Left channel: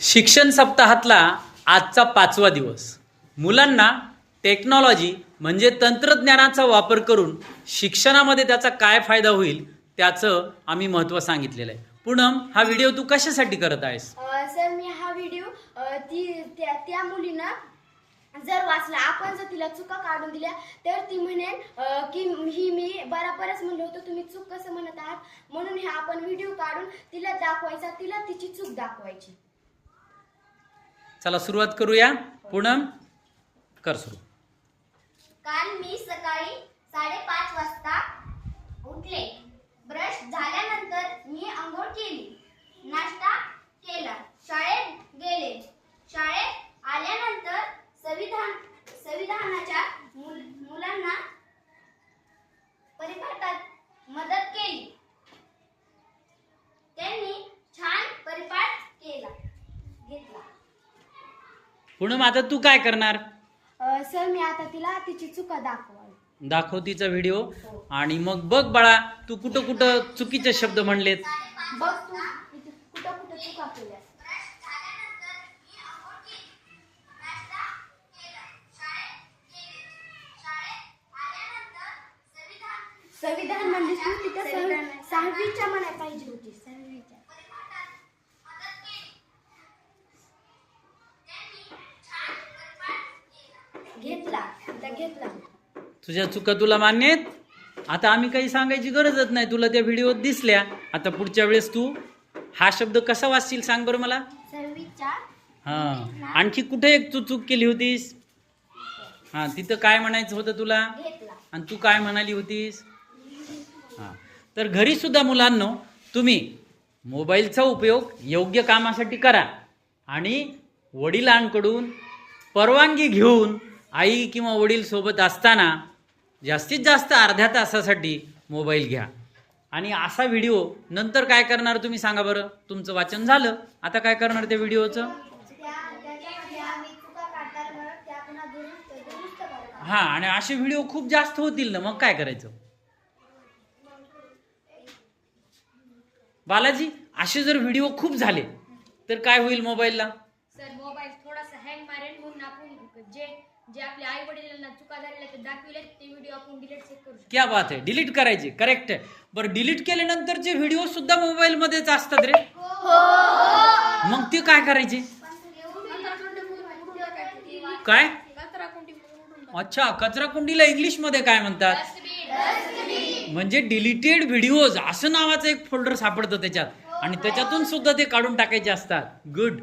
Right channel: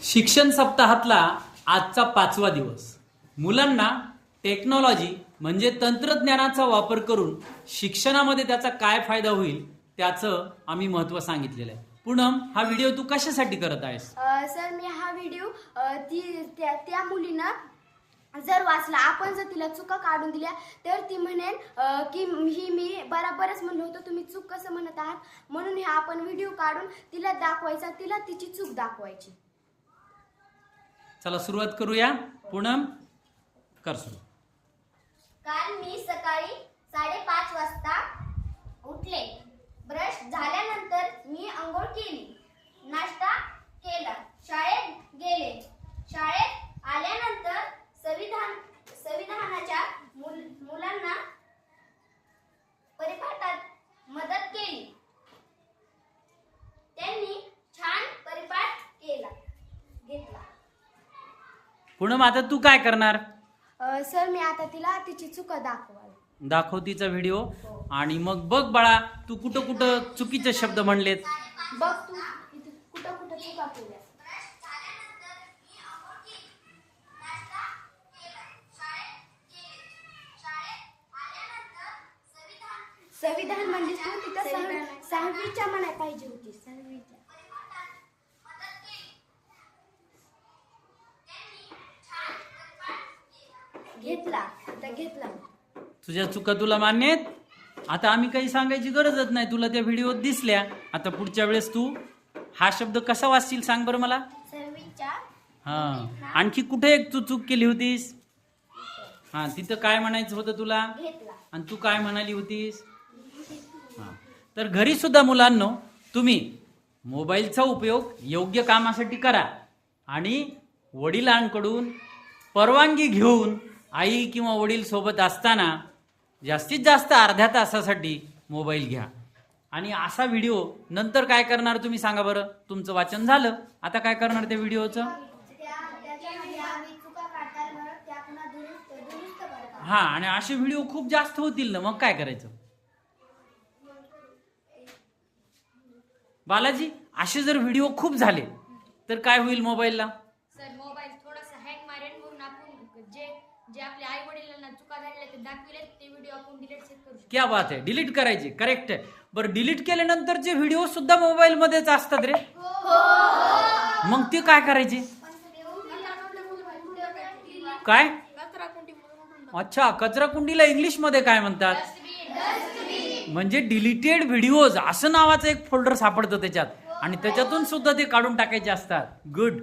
शिक्षण सप्ताहातला आजचा पाचवा दिवस. मुलांना टेक्नॉलॉजी म्हणजे तंत्रज्ञानाचा वापर करून शिक्षणामध्ये त्याचा काय फायदा होईल त्याचं आम्ही महत्त्व सांगितलेलं आहे. पूनम हा व्हिडिओ तू कशासाठी करत आहेस? सर मी हा व्हिडिओ ती त्या त्या मुलीनं जर वाचला आपण जर तिला चुका काढून दिल्या तर ती म्हणेन की ही मी बराबरच म्हणलो होतो तुम्ही चूक कसं म्हणत आहात? म्हणून हे आपण व्हिडिओ काढून तिला दाखवायचा तिला तिची चूक दाखवायची. चला सुरुवात करूया. पूनम कर सुरू. पूनम आता तू काय करणार? सर मी आता तिला तिची चुका दाखवाल. दाखव तिचा व्हिडिओ. आणि मग बघ बाळा तू कुठं कुठं चुकीचे शब्द म्हणलेत. बघ तू किती- कुठं कुठं चुका केल्या. संविधान म्हणलीस तू तिथं सहावी- सहावीच्या म्हणाय पाहिजे होती सहावीच्या घेतला तिथं घेतला. तुझ्या चुका तुला मान्य आहेत आता आम्ही काही सांगायची गरजच नाही. तुला त्या व्हिडिओत दिसल्या. आता पुढच्या वेळेस तू हा शब्द कसा वाचशील सांग बरं मला? हा. आणखी कुठे एक तू चूक केली होतीस? हा तिथं काय म्हणायचं होतं तुला? घेतला. आणि तू काय म्हणाली होतीस? हा. तर घरी सुद्धा मुलांनो तुम्ही मोबाईलचा उपयोग योग्य कामासाठी करा. आणि वडिलांकडून परवानगी घेऊन आई किंवा वडील सोबत असताना जास्तीत जास्त अर्ध्या तासासाठी मोबाईल घ्या. आणि असा व्हिडिओ नंतर काय करणार तुम्ही सांगा बरं. तुमचं वाचन झालं. आता काय करणार त्या व्हिडिओचं? हां आणि असे व्हिडिओ खूप जास्त होतील ना मग काय करायचं? बालाजी असे जर व्हिडिओ खूप झाले तर काय होईल मोबाईलला सर मोबाईल थोडासा हँग मारेल म्हणून आपण जे जे आपल्या आई वडिलांना चुका झालेल्या ते दाखविले ते व्हिडिओ आपण डिलीट चेक करू शकतो. क्या बात आहे. डिलीट करायचे. करेक्ट आहे. बरं डिलीट केल्यानंतरचे व्हिडिओ सुद्धा मोबाईल मध्येच असतात रे? मग ते काय करायचे? काय? कचरा कुंडी उडून अच्छा कचरा कुंडीला इंग्लिशमध्ये काय म्हणतात? म्हणजे डिलीटेड व्हिडिओज असं नावाचं एक फोल्डर सापडतं त्याच्यात. आणि त्याच्यातून सुद्धा ते काढून टाकायचे असतात. गुड